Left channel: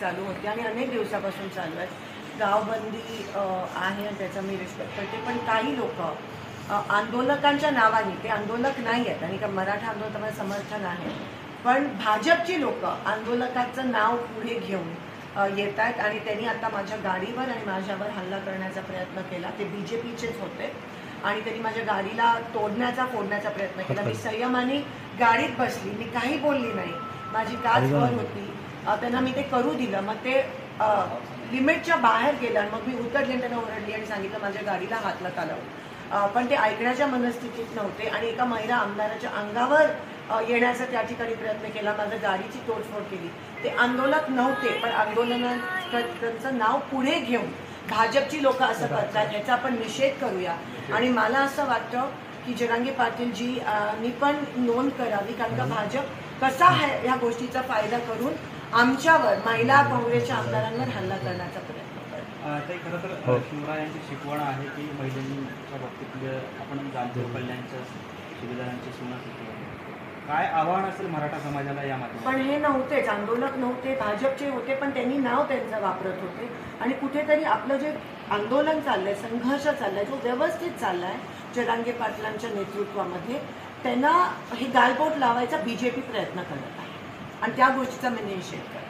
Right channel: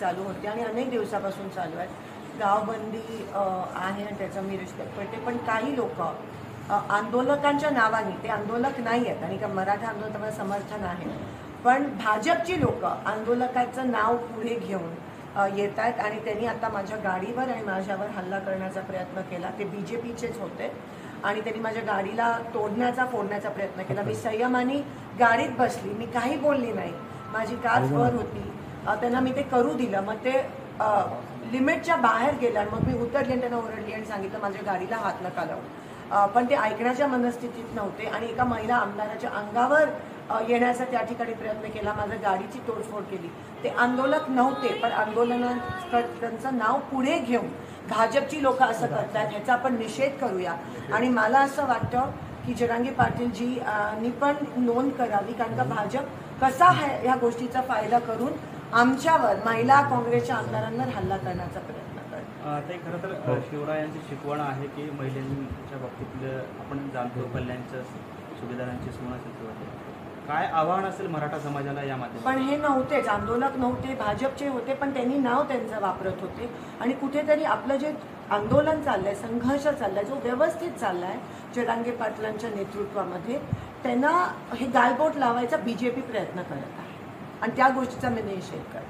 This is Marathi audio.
चालू होती आणि अनेक दिवसापासून चालू आहे. गावबंदी आहे त्याचा मी रिस्पेक्ट करते, पण काही लोक आंदोलकांच्या नावाने, ते आंदोलक नाही आहेत आणि का मराठा आंदोलकांना समर्थन आहे, पण भाजपची लोक आंदोलकाचं नाव पुढे घेऊन येत आहेत आणि त्यांनी आता माझ्या गाडीवर आणि माझ्यावर हल्ला करण्याचा प्रयत्न केला. ते BJPचेच होते आणि त्यांनी माझ्या गाडीला फोडण्याचा प्रयत्न केला. मी संयमाने गाडीत बसली, मी काही बोलली नाही, माझी काच वर होती, त्यांना मी ते करू दिलं. मग ते लिमिटच्या बाहेर गेलं आणि मग मी उतरली आणि त्यांना ओरडली आणि सांगितलं माझ्या गाडीला हात नका लावू. पण ते ऐकण्याच्या मनस्थितीत नव्हते आणि एका महिला आमदाराच्या अंगावर येण्याचा त्या ठिकाणी प्रयत्न केला, माझ्या गाडीची तोडफोड केली. ते आंदोलक नव्हते, पण आंदोलनाचं नाव पुढे घेऊन भाजपची लोक असं करतात, याचा आपण निषेध करूया. आणि मला असं वाटतं की जरांगे पाटीलजींनी पण नोंद करावी, कारण का भाजप कसा ह्या गोष्टीचा फायदा करून आमच्यावर, महिला काँग्रेसच्या आमदारांवर हल्ला करण्याचा प्रयत्न करतो. ते खरं तर शिवरायांची शिकवण आहे की महिलांच्या बाबतीत आपण जाणतो कल्याणच्या सुविधांची सुनासिद्ध आहे. काय आव्हान असेल मराठा समाजाला या माध्यमात? पण हे नव्हतेच, आंदोलक नव्हते, भाजपचे होते, पण त्यांनी नाव त्यांचं वापरत होते आणि कुठेतरी आपलं जे आंदोलन चाललंय, संघर्ष चाललाय, जो व्यवस्थित चाललाय जरांगे पाटलांच्या नेतृत्वामध्ये, त्यांना हे गालबोट लावायचा BJP प्रयत्न करत आहे आणि त्या गोष्टीचा मी निषेध करते.